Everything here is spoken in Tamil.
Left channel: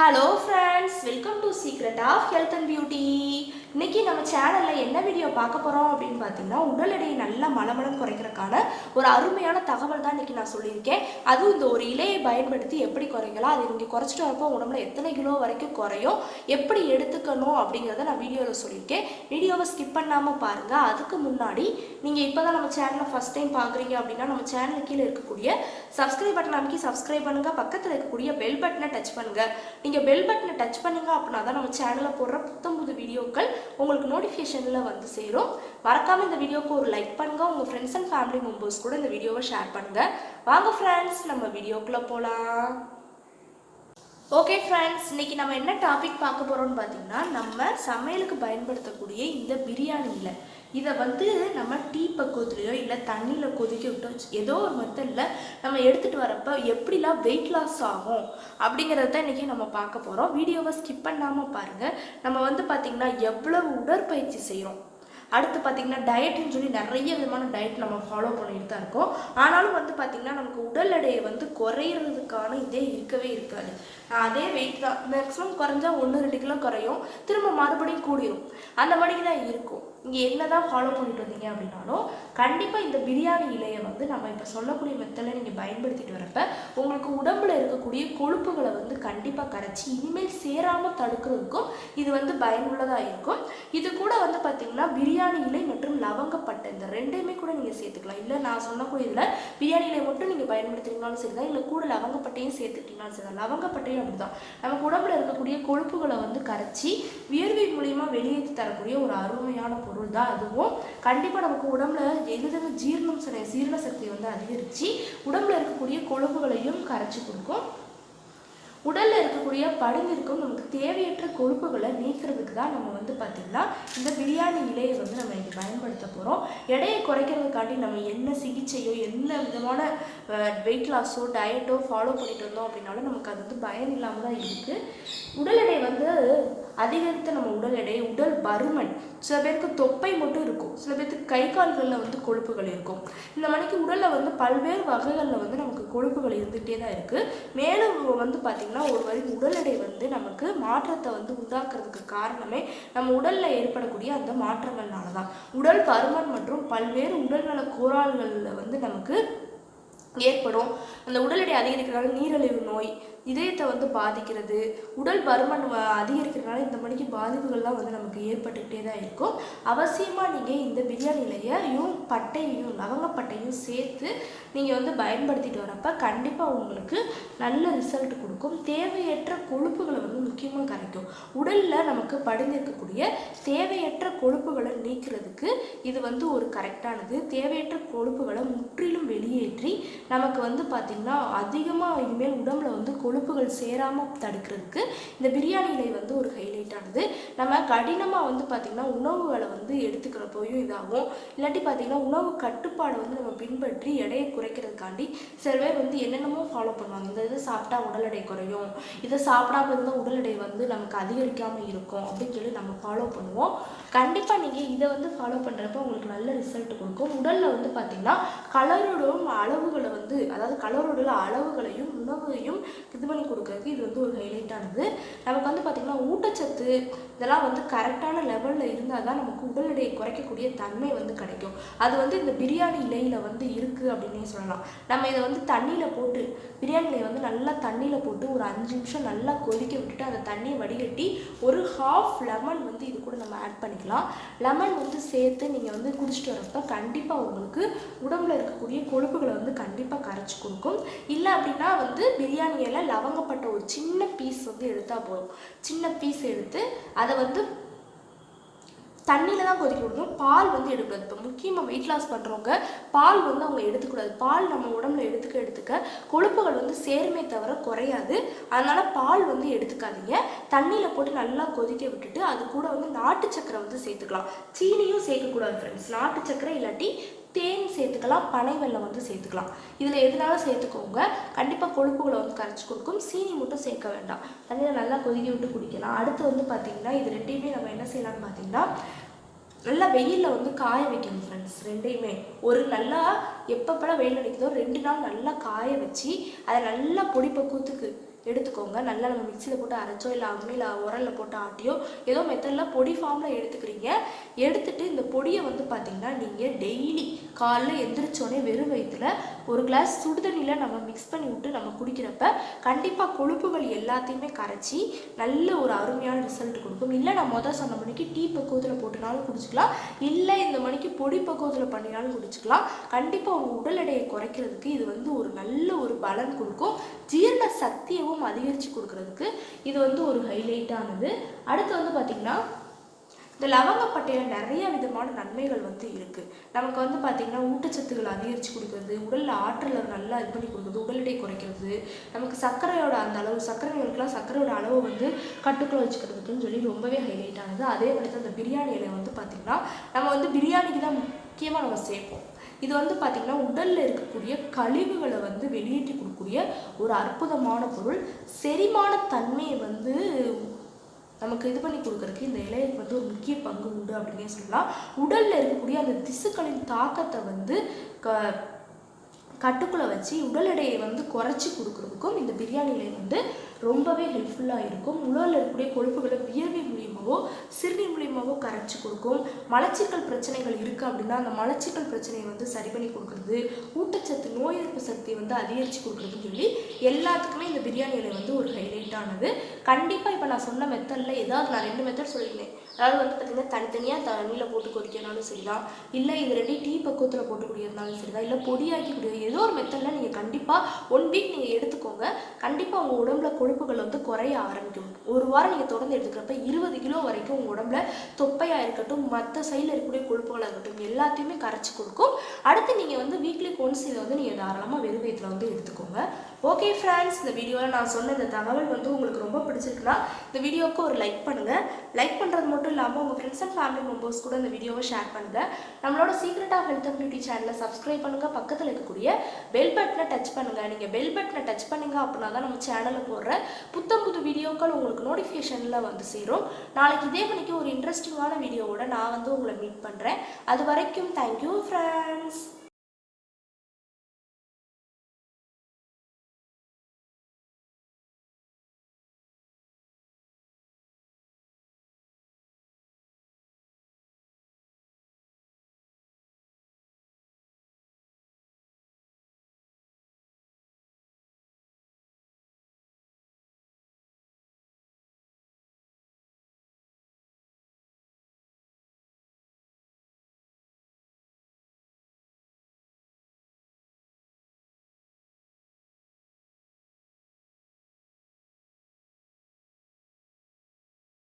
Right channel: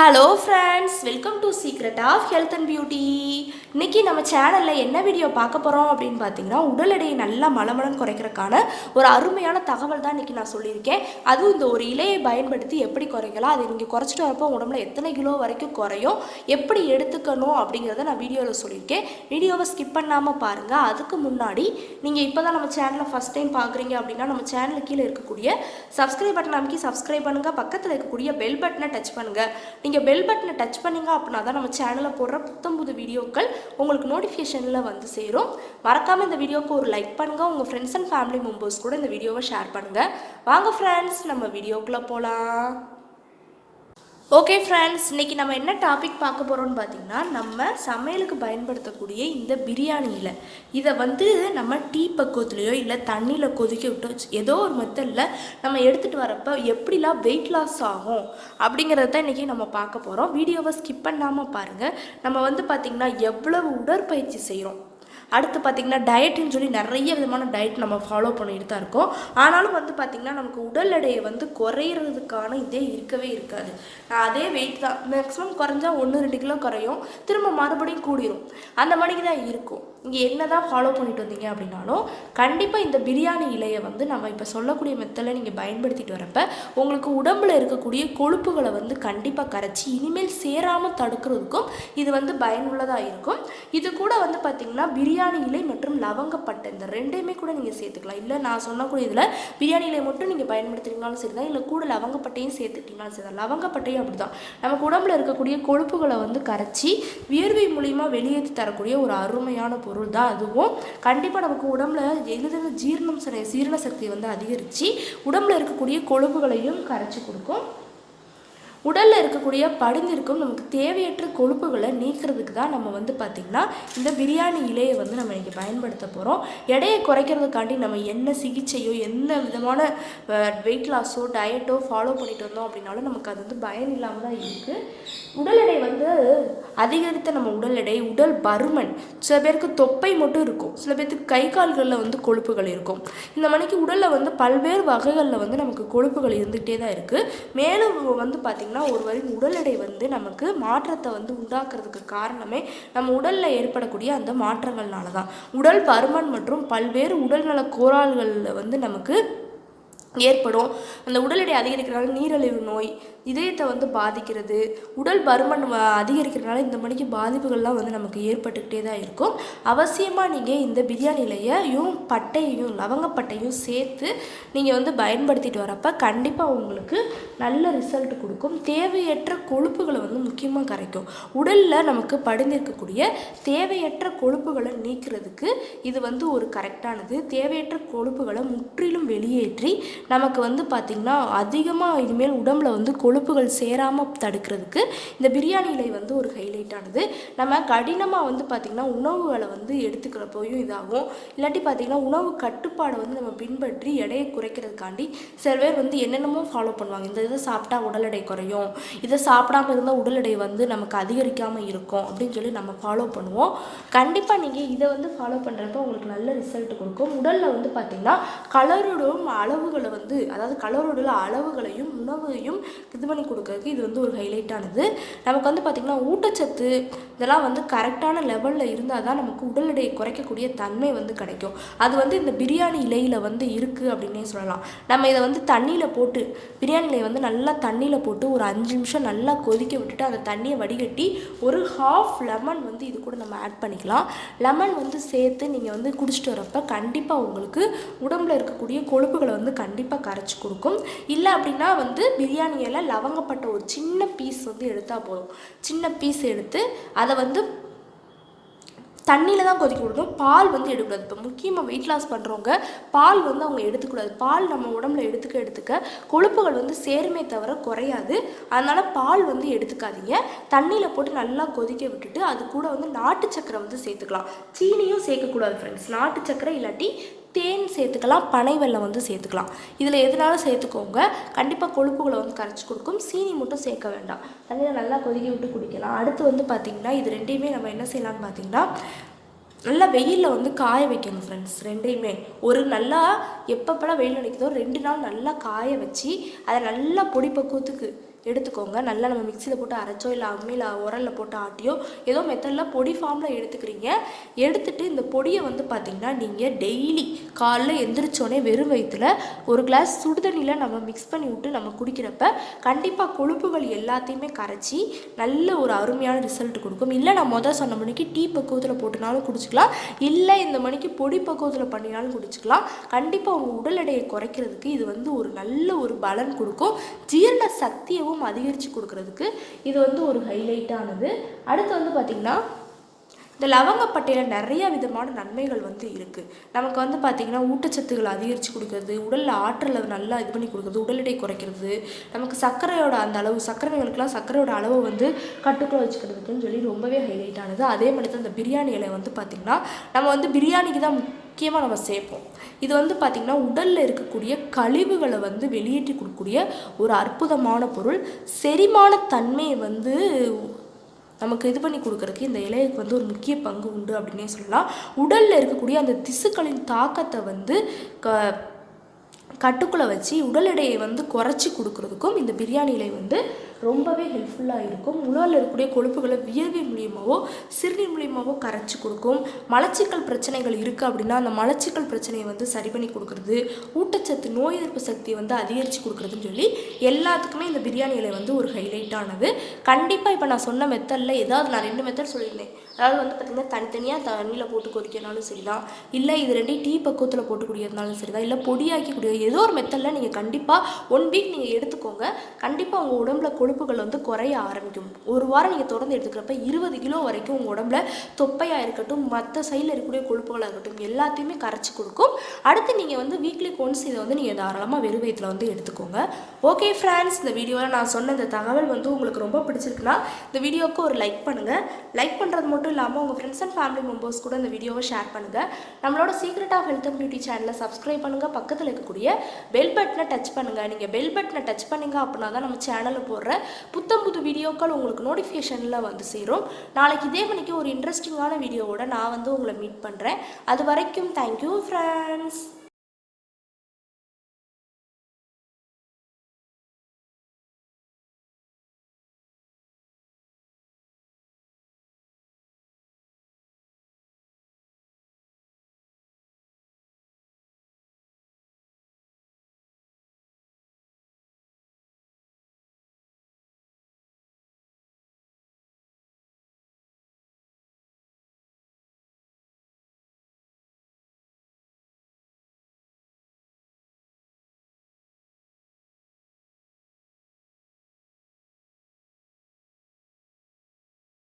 Hello friends, welcome to secret of health and beauty. இன்றைக்கி நம்ம சேனலில் என்ன வீடியோ பார்க்க போகிறோம் அப்படின்னு பார்த்தீங்கன்னா, உடல் எடையை நல்லா மலமளன்னு குறைக்கிறதுக்கான ஒரு அருமையான தகவல் தான் இன்றைக்கி நான் சொல்லியிருக்கேன். அதுவும் இந்த ஒரு இலையை பயன்படுத்தி எப்படி குறைக்கலாம், அதை நீங்கள் குறைச்சிட்டு வரப்போ உடம்புல எத்தனை கிலோ வரைக்கும் குறையும், எப்படி எடுத்துக்கணும் அப்படிங்கிறத நான் வீடியோவில் சொல்லியிருக்கேன். வீடியோவை ஸ்கிப் பண்ணாமல் பாருங்கள். அதுக்கு முன்னாடி நீங்கள் இப்போ தான் நம்ம சேனலை ஃபஸ்ட் டைம் பார்க்குறீங்க அப்படின்னா, நம்ம சேனலுக்கு கீழே இருக்கக்கூடிய சப்ஸ்கிரைப் பட்டன் அமைக்கி சப்ஸ்கிரைப் பண்ணுங்கள். பக்கத்தில் இருக்கக்கூடிய பெல் பட்டனை டச் பண்ணுங்கள். நீங்கள் பெல் பட்டனை டச் பண்ணிங்க அப்படின்னா தான் நம்ம சேனலில் போடுற புது வீடியோக்கள் உங்களுக்கு நோட்டிஃபிகேஷனில் வந்து சேரும். மறக்காமல் இந்த வீடியோவுக்கு ஒரு லைக் பண்ணுங்கள். உங்கள் ஃப்ரெண்ட்ஸ் அண்ட் ஃபேமிலி மெம்பர்ஸ் கூட இந்த வீடியோவை ஷேர் பண்ணுங்கள். வாங்க ஃப்ரெண்ட்ஸ், நம்ம வீடியோக்குள்ளே போகலாம். ஓகே ஃப்ரெண்ட்ஸ், இன்றைக்கி நம்ம என்ன டாபிக் பார்க்க போகிறோம்னு பார்த்தீங்கன்னா, நம்ம சமையலுக்கு பயன்படுத்தக்கூடிய இந்த பிரியாணி இலை, இதை வந்து நம்ம டீ பக்குவத்துலேயோ இல்லை தண்ணியில் கொதிக்க விட்டு ஏதோ ஒரு மெத்தடில் நம்ம எடுத்துகிட்டு வரப்போ எப்படிலாம் வெயிட் லாஸ் ஆகும் அப்படிங்கிறத இன்றைக்கி நம்ம பார்க்க போகிறோம். வீடியோவை ஸ்கிப் பண்ணாமல் பாருங்கள். நம்ம வந்து பார்த்திங்கன்னா எவ்வளவு உடற்பயிற்சி செய்கிறோம், அடுத்து பார்த்திங்கன்னா டயட்டுன்னு சொல்லி நிறைய விதமான டயட் நம்ம ஃபாலோ பண்ணிட்டு தான் இருக்கோம். ஆனாலும் வந்து பார்த்திங்கன்னா நமக்கு உடல் எடையை வந்து குறையிறதுக்கான இதே இருக்கவே இருக்காது. அதே வெயிட் தான், மேக்ஸிமம் குறைஞ்சா 1-2 கிலோ குறையும், திரும்ப மறுபடியும் கூடிரும், அந்த மாதிரி தான் இருக்கும். இங்கே என்ன தான் ஃபாலோ பண்ணிட்டு வந்தீங்க அப்படின்னாலும் கண்டிப்பாக இந்த பிரியாணி இலையை வந்து நம்ம இப்போ சொல்லக்கூடிய மெத்தடில் நீங்கள் பயன்படுத்திட்டு வரப்போ உங்களுக்கு உடம்பில் இருக்கக்கூடிய கொழுப்புகளை வந்து கண்டிப்பாக கரைச்சி இனிமேல் சேராமல் தடுக்கிறதுக்கும் இது வந்து பயனுள்ளதாக இருக்கும். இது கூட வந்து பார்த்திங்கன்னா பிரியாணி இலை மற்றும் லவங்கப்பட்டை இந்த ரெண்டையுமே கூட நீங்கள் சேர்த்துக்கலாம். இல்லை நான் சொன்னக்கூடிய இதில் பிரியாணி இலை மட்டும் நீங்கள் பயன்படுத்துறீங்கனாலும் சரி தான், இல்லை கூட லவங்கப்பட்டையும் சேர்த்துக்கிட்டீங்கனாலும் சரி தான். லவங்கப்பட்டையும் அப்படி தான் நமக்கு உடம்புல இருக்கக்கூடிய கொழுப்புகளை வந்து கரைச்சி வியர்வை மூலியமாக வெளியேற்றி தரக்கூடிய ஒரு அருமையான பொருள் தான். அதுவும் கண்டிப்பாக நமக்கு உடம்புல எளிதாக ஜீரண சக்தியை வந்து அதிகரித்து உடம்புல இருக்கக்கூடிய கொழுப்புகளையும் கரைச்சி கொடுக்கும். உடலில் இருக்கக்கூடிய படிந்திருக்கும் நமக்கு தேவையற்ற கொழுப்புகளை நீக்கிறதுக்கு தான் நம்ம வந்து பார்த்திங்கன்னா இந்த பிரியாணி இலையை வந்து நம்ம இங்கே பயன்படுத்த போகிறோம். எடையை குறைக்கிறதுக்காண்டி நம்ம என்ன சிகிச்சையோ என்ன விதமான வெயிட் லாஸோ டயட்டோ ஃபாலோ பண்ணிட்டு வந்தோம் அப்படின்னாலும் நமக்கு அது வந்து பயன் இல்லாமல் தான் இருக்குது. உடல் எடை வந்து அதிகரித்த நம்ம உடல் எடை, உடல் பருமன், சில பேருக்கு தொப்பை மட்டும் இருக்கும், சில பேருக்கு கை கால்களில் வந்து கொழுப்புகள் இருக்கும். இந்த மணிக்கு உடலில் வந்து பல்வேறு வகைகளில் வந்து நமக்கு கொழுப்புகள் இருந்துகிட்டே தான் இருக்குது. மேலும் வந்து பார்த்திங்கன்னா ஒரு வரி உடல் எடை வந்து நமக்கு மாற்றத்தை வந்து உண்டாக்குறதுக்கு காரணமே நம்ம உடலில் ஏற்படக்கூடிய அந்த மாற்றங்கள்னால தான். உடல் பருமன் மற்றும் பல்வேறு உடல்நல கோளாறுகளில் வந்து நமக்கு ஏற்படும். அந்த உடல் எடை அதிகரிக்கிறனால நீரிழிவு நோய், இதயத்தை வந்து பாதிக்கிறது, உடல் பருமன் அதிகரிக்கிறதுனால இந்த மணிக்கு பாதிப்புகள்லாம் வந்து நமக்கு ஏற்பட்டுக்கிட்டே தான் இருக்கும். அவசியமாக நீங்கள் இந்த பிரியாணி இலையையும் பட்டையையும் லவங்கப்பட்டையும் சேர்த்து நீங்கள் வந்து பயன்படுத்திட்டு வரப்போ கண்டிப்பாக உங்களுக்கு நல்ல ரிசல்ட் கொடுக்கும். தேவையற்ற கொழுப்புகளை வந்து முக்கியமாக கரைக்கும். உடலில் நமக்கு படிந்திருக்கக்கூடிய தேவையற்ற கொழுப்புகளை நீக்கிறதுக்கு இது வந்து ஒரு கரெக்டானது. தேவையற்ற கொழுப்புகளை முற்றிலும் வெளியேற்றி நமக்கு வந்து பார்த்திங்கன்னா அதிகமாக இனிமேல் உடம்புல வந்து கொழுப்புகள் சேராமல் தடுக்கிறதுக்கு இந்த பிரியாணி இலை வந்து ஒரு ஹைலைட்டானது. நம்ம கடினமாக வந்து பார்த்திங்கன்னா உணவுகளை வந்து எடுத்துக்கிறப்போயும் இதாகும். இல்லாட்டி பார்த்திங்கன்னா உணவு கட்டுப்பாடை வந்து நம்ம பின்பற்றி எடையை குறைக்கிறதுக்காண்டி சில பேர் வந்து என்னென்னமோ ஃபாலோ பண்ணுவாங்க. இந்த இதை சாப்பிட்டா உடல் எடை குறையும், இதை சாப்பிடாமல் இருந்தால் உடல் எடை வந்து நமக்கு அதிகரிக்காமல் இருக்கும் அப்படின்னு சொல்லி நம்ம ஃபாலோ பண்ணுவோம். கண்டிப்பாக நீங்கள் இதை வந்து ஃபாலோ பண்ணுறப்ப உங்களுக்கு நல்ல ரிசல்ட் கொடுக்கும். உடலில் வந்து பார்த்திங்கன்னா கலரோடும் அளவுகளை வந்து, அதாவது கலரோட அளவுகளையும் உணவையும் இது பண்ணி கொடுக்கறதுக்கு இது வந்து ஒரு ஹைலைட்டானது. நமக்கு வந்து பார்த்திங்கன்னா ஊட்டச்சத்து இதெல்லாம் வந்து கரெக்டான லெவலில் இருந்தால் தான் நமக்கு உடல் எடையை குறைக்கக்கூடிய தன்மை வந்து கிடைக்கும். அது வந்து இந்த பிரியாணி இலையில் வந்து இருக்குது அப்படின்னே சொல்லலாம். நம்ம இதை வந்து தண்ணியில் போட்டு, பிரியாணி இலையை வந்து நல்லா தண்ணியில் போட்டு ஒரு 5 நிமிஷம் நல்லா கொதிக்க விட்டுட்டு அந்த தண்ணியை வடிகட்டி ஒரு ½ லெமன் வந்து இது கூட நம்ம ஆட் பண்ணிக்கலாம். லெமன் வந்து சேர்த்து நீங்கள் வந்து குடிச்சிட்டு வரப்போ கண்டிப்பாக உங்களுக்கு உடம்புல இருக்கக்கூடிய கொழுப்புகளை வந்து கண்டிப்பாக கரைச்சி கொடுக்கும். இல்லை அப்படின்னா வந்து பிரியாணி இலை லவங்கப்பட்ட ஒரு சின்ன பீஸ் வந்து எடுத்தால் போதும். சின்ன பீஸ் எடுத்து அதை வந்து தண்ணியில் தான் கொதிக்க விடணும். பால் வந்து எடுக்கக்கூடாது. இப்போ முக்கியமாக வெயிட் லாஸ் பண்ணுறவங்க பால் வந்து அவங்க எடுத்துக்கூடாது. பால் நம்ம உடம்புல எடுத்துக்க கொழுப்புகள் வந்து சேருமே தவிர குறையாது. அதனால் பால் வந்து எடுத்துக்காதீங்க. தண்ணியில் போட்டு நல்லா கொதிக்க விட்டுட்டு அது கூட வந்து நாட்டு சக்கரை வந்து சேர்த்துக்கலாம். சீனியும் சேர்க்கக்கூடாது ஃப்ரெண்ட்ஸ். நாட்டு சக்கரை இல்லாட்டி தேன் சேர்த்துக்கலாம், பனை வெல்லம் வந்து சேர்த்துக்கலாம். இதில் எதுனாலும் சேர்த்துக்கோங்க, கண்டிப்பாக கொழுப்புகளை வந்து கரைச்சி கொடுக்கும். சீனி மட்டும் சேர்க்க வேண்டாம். அதில் நல்லா கொதிக்க விட்டு குடிக்கலாம். அடுத்து வந்து பார்த்திங்கன்னா இது ரெண்டையுமே நம்ம என்ன செய்யலாம்னு பார்த்திங்கன்னா நல்லா வெயிலில் வந்து காய வைக்கணும் ஃப்ரெண்ட்ஸ். ரெண்டையுமே ஒரு நல்லா எப்பப்பெல்லாம் வெயில் அடிக்குதோ 2 நாள் நல்லா காய வச்சு அதை நல்லா பொடி பக்குவத்துக்கு எடுத்துக்கோங்க. நல்லா நம்ம மிக்சியில் போட்டு அரைச்சோ இல்லை அம்மியில் உரலில் போட்டு ஆட்டியோ ஏதோ மெத்தடில் பொடி ஃபார்மில் எடுத்துக்கிறீங்க. எடுத்துகிட்டு இந்த பொடியை வந்து பார்த்திங்கன்னா நீங்கள் டெய்லி காலைல எந்திரிச்சோடனே வெறும் வயிற்றுல ஒரு கிளாஸ் சுடுதண்ணியில் நம்ம மிக்ஸ் பண்ணி விட்டு நம்ம குடிக்கிறப்ப கண்டிப்பாக கொழுப்புகள் எல்லாத்தையுமே கரைச்சி நல்ல ஒரு அருமையான ரிசல்ட் கொடுக்கும். இல்லை நான் சொன்ன மணிக்கு டீ பக்குவத்தில் போட்டுனாலும் குடிச்சிக்கலாம், இல்லை இந்த மணிக்கு பொடி பக்குவத்தில் பண்ணினாலும் குடிச்சிக்கலாம். கண்டிப்பாக உங்கள் உடல் எடையை குறைக்கிறதுக்கு இது வந்து ஒரு நல்ல ஒரு பலன் கொடுக்கும். ஜீரண சக்தியவும் அதிகரித்து கொடுக்கறதுக்கு இது வந்து ஒரு ஹைலைட்டானது. அடுத்து வந்து பார்த்திங்கன்னா இந்த லவங்கப்பட்டையில் நிறைய விதமான நன்மைகள் வந்து இருக்குது. நமக்கு வந்து பார்த்திங்கன்னா ஊட்டச்சத்துக்களை அதிகரித்து கொடுக்குறது, உடலில் ஆற்றலை நல்லா இது பண்ணி கொடுக்குறது, உடல் எடை குறைக்கிறது, நமக்கு சர்க்கரையோட அந்த அளவு சர்க்கரைகளுக்கெல்லாம் சர்க்கரையோட அளவை வந்து கட்டுக்குள்ள வச்சுக்கிறதுக்குன்னு சொல்லி ரொம்பவே ஹைலைட்டானது. அதே மாதிரி தான் இந்த பிரியாணி இலை வந்து பார்த்திங்கன்னா நம்ம வந்து பிரியாணிக்கு தான் முக்கியமாக நம்ம சேர்ப்போம். இது வந்து பார்த்திங்கன்னா உடலில் இருக்கக்கூடிய கழிவுகளை வந்து வெளியேற்றி கொடுக்கக்கூடிய ஒரு அற்புதமான பொருள். செரிமான தன்மையை வந்து நமக்கு இது பண்ணி கொடுக்குறதுக்கு இந்த இலைக்கு வந்து ஒரு முக்கிய பங்கு உண்டு அப்படின்னே சொல்லலாம். உடலில் இருக்கக்கூடிய அந்த திசுக்களின் தாக்கத்தை வந்து கட்டுக்குள்ளே வச்சு உடல் எடையை வந்து குறைச்சி கொடுக்குறதுக்கும் இந்த பிரியாணி இலை வந்து ரொம்பவே ஹெல்ப்ஃபுல்லாக இருக்கும். உடலில் இருக்கக்கூடிய கொழுப்புகளை வியர்வை மூலியமாகவோ சிறுநீர் மூலியமாகவோ கரைச்சி கொடுக்கும். மலச்சிக்கல் பிரச்சனைகள் இருக்குது அப்படின்னா அந்த மலச்சிக்கல் பிரச்சனையை வந்து சரி பண்ணி கொடுக்குறது, ஊட்டச்சத்து நோய் எதிர்ப்பு சக்தியை வந்து அதிகரித்து கொடுக்குறதுன்னு சொல்லி எல்லாத்துக்குமே இந்த பிரியாணி இலை வந்து ஒரு ஹைலைட்டானது. கண்டிப்பாக இப்போ நான் சொன்ன மெத்தடில் ஏதாவது நான் 2 மெத்தட் சொல்லியிருந்தேன். அதாவது வந்து பார்த்திங்கன்னா தனித்தனியாக தண்ணியில் போட்டு கொதிக்கிறனாலும் சரிதான், இல்லை இது 2 டீ பக்குவத்தில் போட்டு குடிக்கிறதுனாலும் சரிதான், இல்லை பொடியாக்கி குடிக்கிறது, ஏதோ ஒரு மெத்தடில் நீங்கள் கண்டிப்பாக 1 வீக் நீங்கள் எடுத்துக்கோங்க. கண்டிப்பாக உங்கள் உடம்புல கொழுப்புகள் வந்து குறைய ஆரம்பிக்கும். ஒரு வாரம் நீங்கள் தொடர்ந்து எடுத்துக்கிறப்ப 20 கிலோ வரைக்கும் உங்கள் உடம்புல தொப்பையாக இருக்கட்டும், மற்ற சைடில் இருக்கக்கூடிய கொழுப்புகளாக இருக்கட்டும் எல்லாத்தையுமே கரைச்சி கொடுக்கும். அடுத்து நீங்கள் வந்து வீக்லி ஒன்ஸ் இதை வந்து நீங்கள் தாராளமாக வெறும் வயிற்றில் வந்து எடுத்துக்கோங்க. ஓகே ஃப்ரெண்ட்ஸ், இந்த வீடியோவில் நான் சொன்ன இந்த தகவல் வந்து உங்களுக்கு ரொம்ப பிடிச்சிருக்குன்னா இந்த வீடியோவுக்கு ஒரு லைக் பண்ணுங்கள். லைக் பண்ணுறது மட்டும் இல்லாமல் உங்கள் ஃப்ரெண்ட்ஸ் அண்ட் ஃபேமிலி மெம்பர்ஸ் கூட இந்த வீடியோவை ஷேர் பண்ணுங்கள். நம்மளோட secret of health and beauty சேனலை சப்ஸ்கிரைப் பண்ணுங்கள். பக்கத்தில் இருக்கக்கூடிய பெல் பட்டனை டச் பண்ணுங்கள். நீங்கள் பெல் பட்டனை டச் பண்ணிங்க அப்படின்னா தான் நம்ம சேனலில் போடுற புது வீடியோக்கள் உங்களுக்கு நோட்டிஃபிகேஷனில் வந்து சேரும். நாளைக்கு இதே மணிக்கு ஒரு இன்ட்ரெஸ்டிங்கான வீடியோவோட நான் வந்து உங்களை மீட் பண்ணுறேன். அது வரைக்கும் தேங்க்யூ ஃப்ரெண்ட்ஸ்.